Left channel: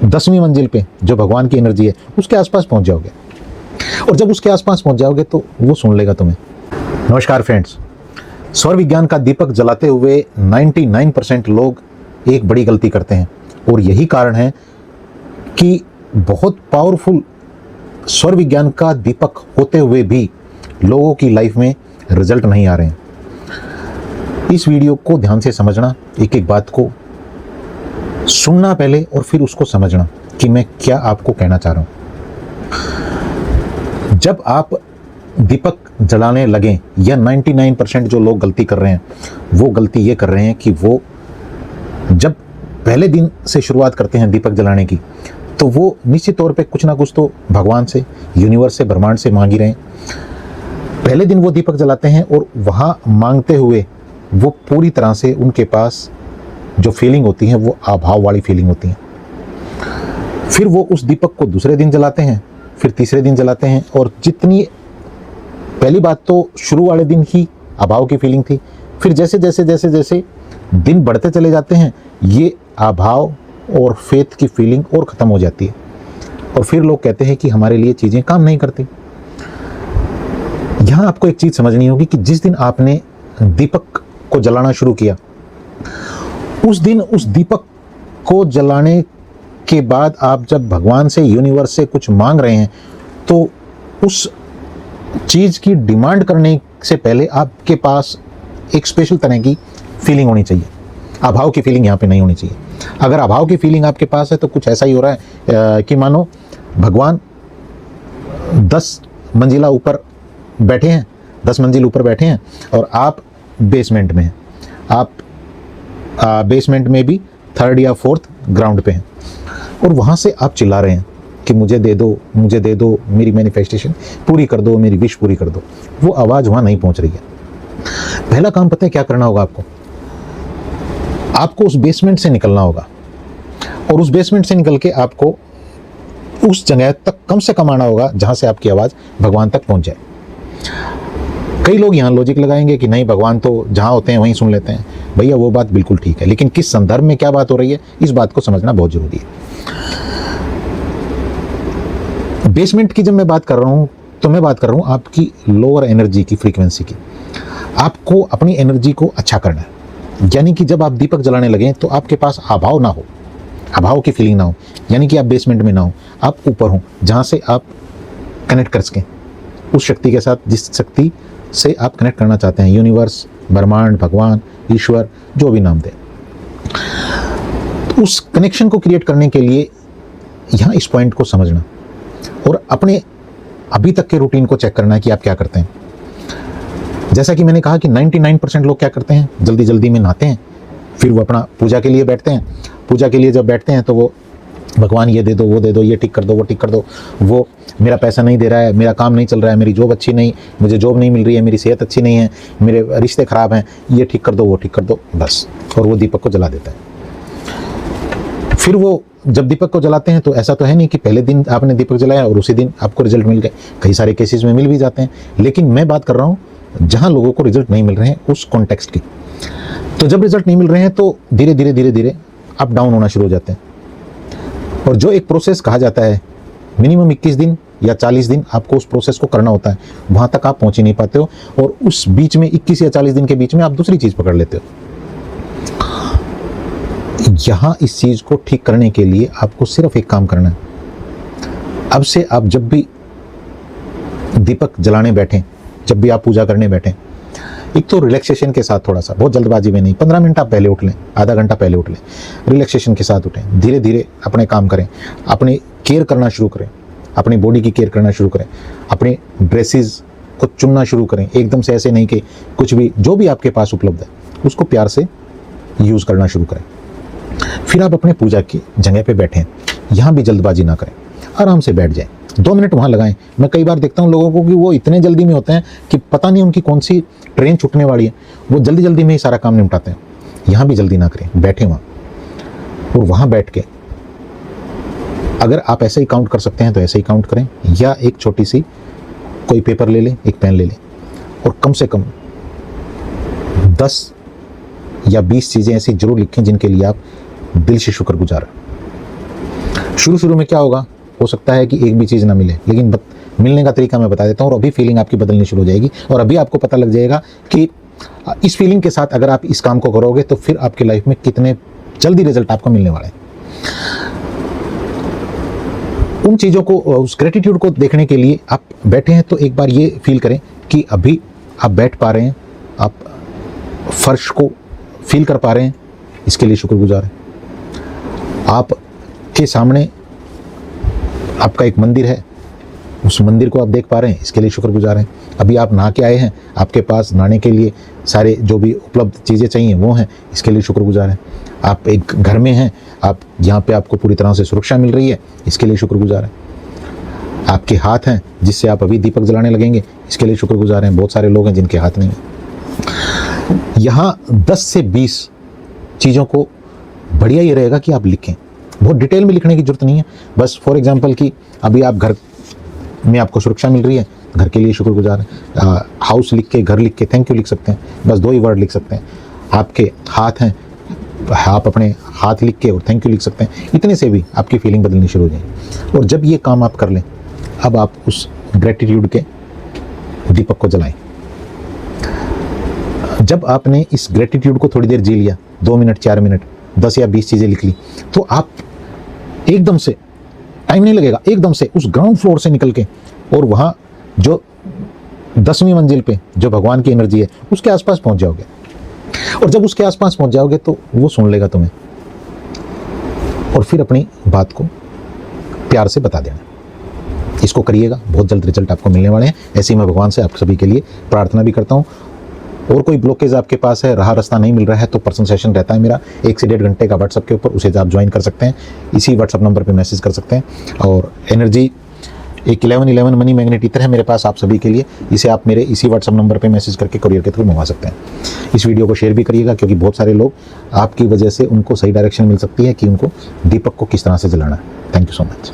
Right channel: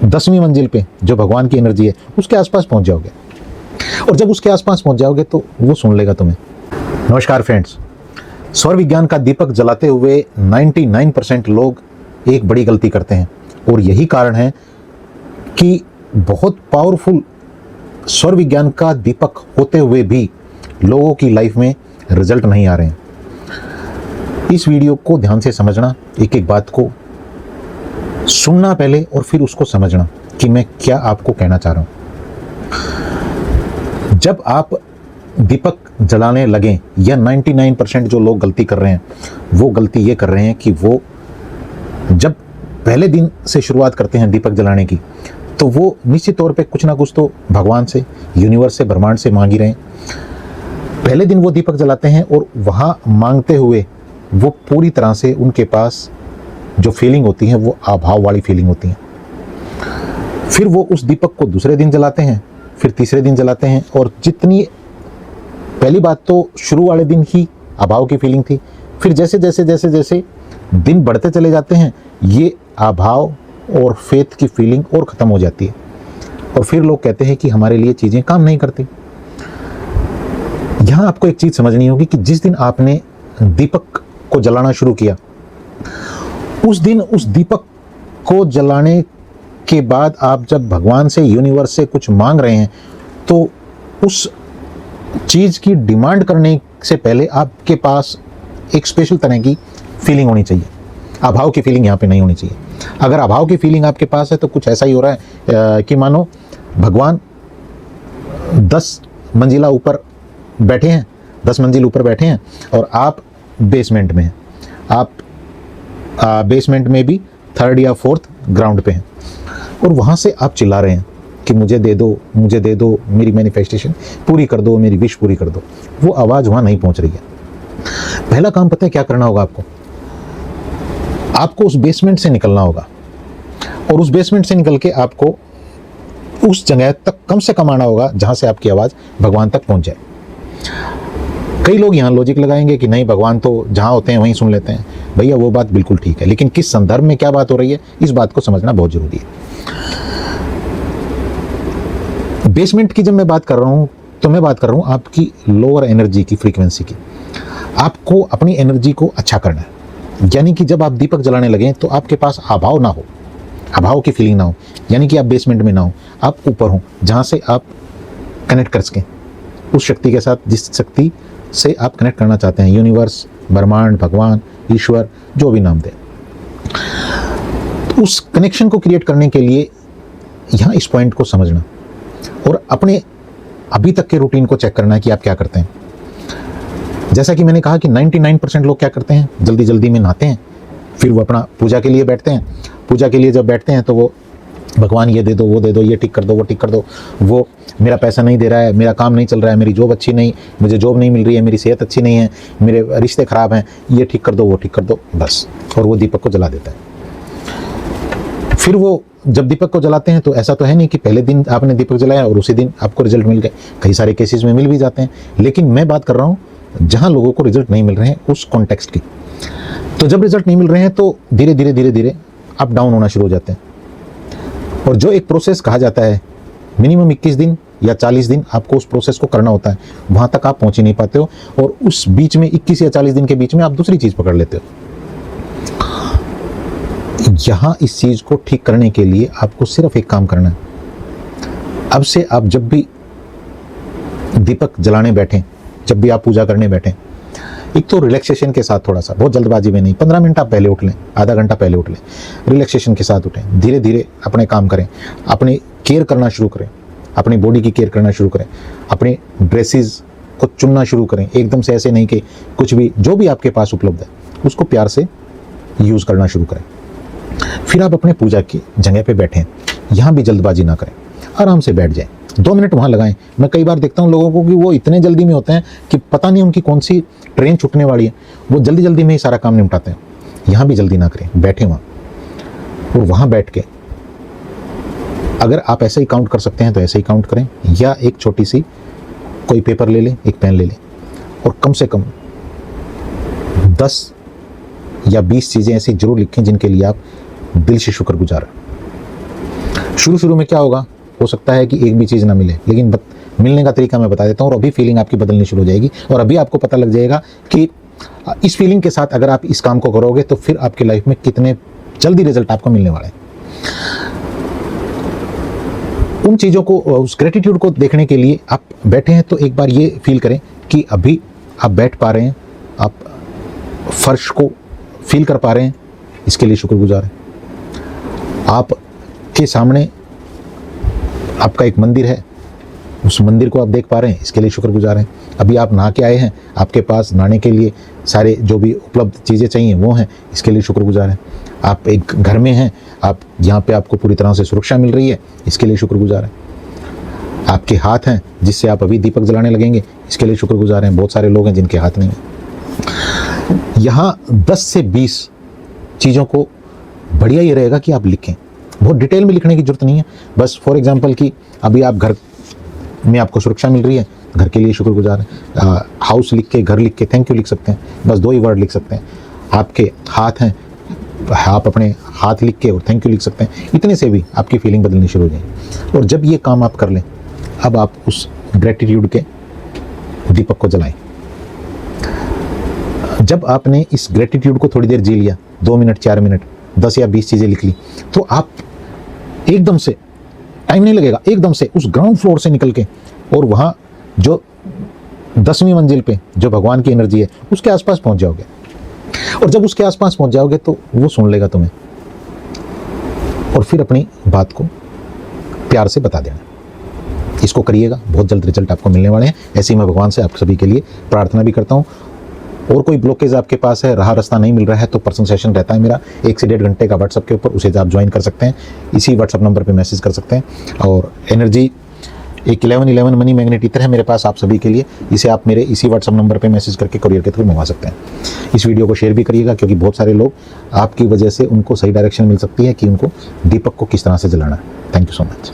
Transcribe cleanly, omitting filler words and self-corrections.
10वीं मंजिल पे जो भगवान की एनर्जी है उसके आसपास पहुंच जाओगे, और जब उसके आसपास पहुंच जाओगे तो वो सुन लेगा तुम्हें। नमस्कार फ्रेंड्स, सौर विज्ञान का दीपक जलाते हुए 99% लोग एक बड़ी गलती करते हैं, और यही कारण है कि बहुत पावरफुल सौर विज्ञान का दीपक होते हुए भी लोगों की लाइफ में रिजल्ट नहीं आ रहे हैं। इस वीडियो को ध्यान से समझना, एक एक बात को सुनना पहले और फिर उसको समझना कि मैं क्या आपको कहना चाह रहा हूं। जब आप दीपक जलाने लगें, या 99% जो लोग गलती कर रहे हैं वो गलती ये कर रहे हैं कि वो जब पहले दिन से शुरुआत करते हैं दीपक जलाने की, तो वो निश्चित तौर पे कुछ ना कुछ तो भगवान से, यूनिवर्स से, ब्रह्मांड से मांग ही रहे हैं। पहले दिन वो दीपक जलाते हैं और वहां मांगते हुए वो पूरी तरह से उनके पास जो फीलिंग होती है वो अभाव वाली फीलिंग होती है। फिर वो उस दीपक को दूसरे दिन जलाते हैं, फिर तीसरे दिन जलाते हैं, और जितनी पहली बात तो शुरू वाले दिन ही अभाव की फीलिंग थी, फिर जैसे जैसे जैसे जैसे दिन बढ़ते चले जाते हैं ये अभाव और फेथ की फीलिंग और खत्म हो जाती है, और फिर लोग कहते हैं कि हमारे लिए चीजें काम नहीं करती। यहां आपको एक चीज समझनी होगी कि जिस दिन आपने दीपक को जलाना शुरू किया, उस दिन उस दीपक को जलाने के बाद आप जब भगवान से, यूनिवर्स से कुछ मांग रहे हैं, तो उस चीज की डिमांड करने से पहले आपके पास एक स्पेशल तरह की फीलिंग होनी चाहिए। अभाव की फीलिंग यहाँ पे नहीं होनी चाहिए। अगर अभाव की फीलिंग आपके पास है तो कुछ ऐसा ही हो रहा है कि मानो भगवान 10 मंजिला ऊपर बैठे हैं, 10 मंजिल ऊपर बैठे हैं और आप बेसमेंट में हैं। आप बेसमेंट में भी 3rd या 4th ग्राउंड पे हैं, और वहां से आप चिल्ला रहे हैं कि मुझे दे दो, मुझे दे दो, मेरी मैनिफेस्टेशन पूरी कर दो, मेरी विश पूरी कर दो। वो आवाज वहां नहीं पहुंच रही है। पहला काम पता है क्या करना होगा आपको? आपको उस बेसमेंट से निकलना होगा, और उस बेसमेंट से निकल के आपको उस जगह तक कम से कम आना होगा जहां से आपकी आवाज भगवान तक पहुंच जाए। कई लोग यहाँ लॉजिक लगाएंगे कि नहीं, भगवान तो जहां होते हैं वहीं सुन लेते हैं। भैया वो बात बिल्कुल ठीक है, लेकिन किस संदर्भ में क्या बात हो रही है इस बात को समझना बहुत जरूरी है। बेसमेंट की जब मैं बात कर रहा हूं तो मैं बात कर रहा हूं आपकी लोअर एनर्जी की, फ्रीक्वेंसी की। आपको अपनी एनर्जी को अच्छा करना है, यानी कि जब आप दीपक जलाने लगे तो आपके पास अभाव ना हो, अभाव की फीलिंग ना हो, यानी कि आप बेसमेंट में ना हो, आप ऊपर हो, जहां से आप कनेक्ट कर सकें उस शक्ति के साथ जिस शक्ति से आप कनेक्ट करना चाहते हैं। यूनिवर्स, ब्रह्मांड, भगवान, ईश्वर, जो भी नाम दें। उस कनेक्शन को क्रिएट करने के लिए यहां इस पॉइंट को समझना और अपने अभी तक के रूटीन को चेक करना है कि आप क्या करते हैं। जैसा कि मैंने कहा कि 99% लोग क्या करते हैं, जल्दी जल्दी में नहाते हैं, फिर वो अपना पूजा के लिए बैठते हैं। पूजा के लिए जब बैठते हैं तो वो भगवान ये दे दो, वो दे दो, ये ठीक कर दो, वो ठीक कर दो, वो मेरा पैसा नहीं दे रहा है, मेरा काम नहीं चल रहा है, मेरी जॉब अच्छी नहीं, मुझे जॉब नहीं मिल रही है, मेरी सेहत अच्छी नहीं है, मेरे रिश्ते खराब हैं, ये ठीक कर दो, वो ठीक कर दो, बस। और वो दीपक को जला देता है। फिर वो जब दीपक को जलाते हैं तो ऐसा तो है नहीं कि पहले दिन आपने दीपक जलाया और उसी दिन आपको रिजल्ट मिल गए। कई सारे केसेस में मिल भी जाते हैं, लेकिन मैं बात कर रहा हूँ जहां लोगों को रिजल्ट नहीं मिल रहे हैं उस कॉन्टेक्स्ट की। तो जब रिजल्ट नहीं मिल रहे हैं तो धीरे धीरे धीरे धीरे अप डाउन होना शुरू हो जाते हैं, और जो एक प्रोसेस कहा जाता है मिनिमम 21 दिन या 40 दिन आपको उस प्रोसेस को करना होता है, वहां तक आप पहुंच ही नहीं पाते हो, और उस बीच में 21 या 40 दिन के बीच में आप दूसरी चीज पकड़ लेते हो। यहां इस चीज को ठीक करने के लिए आपको सिर्फ एक काम करना है। अब से आप जब भी दीपक जलाने बैठे, जब भी आप पूजा करने बैठे, एक तो रिलैक्सेशन के साथ, थोड़ा सा, बहुत जल्दबाजी में नहीं, 15 मिनट आप पहले उठ लें, आधा घंटा पहले उठ लें, रिलैक्सेशन के साथ उठें, धीरे धीरे अपने काम करें, अपनी केयर करना शुरू करें, अपनी बॉडी की केयर करना शुरू करें, अपने ड्रेसेस को चुनना शुरू करें। एकदम से ऐसे नहीं कि कुछ भी, जो भी आपके पास उपलब्ध है उसको प्यार से यूज करना शुरू करें। फिर आप अपने पूजा की जगह पे बैठे, यहाँ भी जल्दबाजी ना करें, आराम से बैठ जाएं, 2 मिनट वहां लगाएं। मैं कई बार देखता हूँ लोगों को कि वो इतने जल्दी में होते हैं कि पता नहीं उनकी कौन सी ट्रेन छूटने वाली है, वो जल्दी जल्दी में ही सारा काम निपटाते हैं। यहाँ भी जल्दी ना करें, बैठे वहां, और वहां बैठ के अगर आप ऐसे ही काउंट कर सकते हैं तो ऐसे ही काउंट करें, या एक छोटी सी कोई पेपर ले लें, एक पेन ले लें, और कम से कम 10 या 20 चीजें ऐसी जरूर लिखें जिनके लिए आप दिल से शुक्रगुजार हैं। शुरू शुरू में क्या होगा, हो सकता है कि एक भी चीज़ ना मिले, लेकिन मिलने का तरीका मैं बता देता हूँ और अभी फीलिंग आपकी बदलनी शुरू हो जाएगी और अभी आपको पता लग जाएगा कि इस फीलिंग के साथ अगर आप इस काम को करोगे तो फिर आपकी लाइफ में कितने जल्दी रिजल्ट आपको मिलने वाला है। उन चीज़ों को, उस ग्रेटिट्यूड को देखने के लिए आप बैठे हैं तो एक बार ये फील करें कि अभी आप बैठ पा रहे हैं, आप फर्श को फील कर पा रहे हैं, इसके लिए शुक्रगुजार हैं। आपके सामने आपका एक मंदिर है, उस मंदिर को आप देख पा रहे हैं, इसके लिए शुक्रगुजार हैं। अभी आप नहा के आए हैं, आपके पास नहाने के लिए सारे जो भी उपलब्ध चीज़ें चाहिए वो हैं, इसके लिए शुक्रगुजार हैं। आप एक घर में हैं, आप यहाँ पे आपको पूरी तरह से सुरक्षा मिल रही है, इसके लिए शुक्रगुजार हैं। आपके हाथ हैं जिससे आप अभी दीपक जलाने लगेंगे, इसके लिए शुक्रगुजार हैं। बहुत सारे लोग हैं जिनके हाथ नहीं हैं। यहाँ 10 से 20 चीज़ों को बढ़िया ये रहेगा कि आप लिखें, बहुत डिटेल में लिखने की जरूरत नहीं है। बस फॉर एग्जांपल कि अभी आप घर में आपको सुरक्षा मिल रही है, घर के लिए शुक्रगुजार हैं। हाउस लिख के, घर लिख के थैंक यू लिख सकते हैं, बस 2 ही वर्ड लिख सकते हैं। आपके हाथ हैं, आप अपने हाथ लिख के थैंक यू लिख सकते हैं। इतने से भी आपकी फीलिंग बदलनी शुरू हो जाए। और जब ये काम आप कर लें, अब आप उस ग्रेटिट्यूड के दीपक को जलाएं। जब आपने इस ग्रेटिट्यूड को थोड़ी देर जी लिया, 2 मिनट 4 मिनट 10 या 20 चीजें लिख ली, तो आप एकदम से, टाइम नहीं लगेगा, एकदम से उस ग्राउंड फ्लोर से निकल के और वहां जो 10वीं मंजिल पे जो भगवान की एनर्जी है उसके आसपास पहुंच जाओगे। और जब उसके आसपास पहुंच जाओगे तो वो सुन लेगा तुम्हें और फिर अपनी बात को प्यार से बता देना। इसको करिएगा, बहुत जल्द रिजल्ट आपको मिलने वाले हैं। ऐसे ही मैं भगवान से आप सभी के लिए प्रार्थना भी करता हूँ। और कोई ब्लॉकेज आपके पास है, रास्ता नहीं मिल रहा है, तो पर्सनल सेशन रहता है मेरा 1 से 1.5 घंटे का व्हाट्सएप के ऊपर, उसे आप ज्वाइन कर सकते हैं। इसी व्हाट्सएप नंबर पर मैसेज कर सकते हैं। और एनर्जी एक 1111 मनी मैग्नेट इतर है मेरे पास आप सभी के लिए, इसे आप मेरे इसी व्हाट्सएप नंबर पे मैसेज करके कुरियर के थ्रू मंगवा सकते हैं। इस वीडियो को शेयर भी करिएगा, क्योंकि बहुत सारे लोग आपकी वजह से उनको सही डायरेक्शन मिल सकती है कि उनको दीपक को किस तरह से जलाना है। Thank you so much.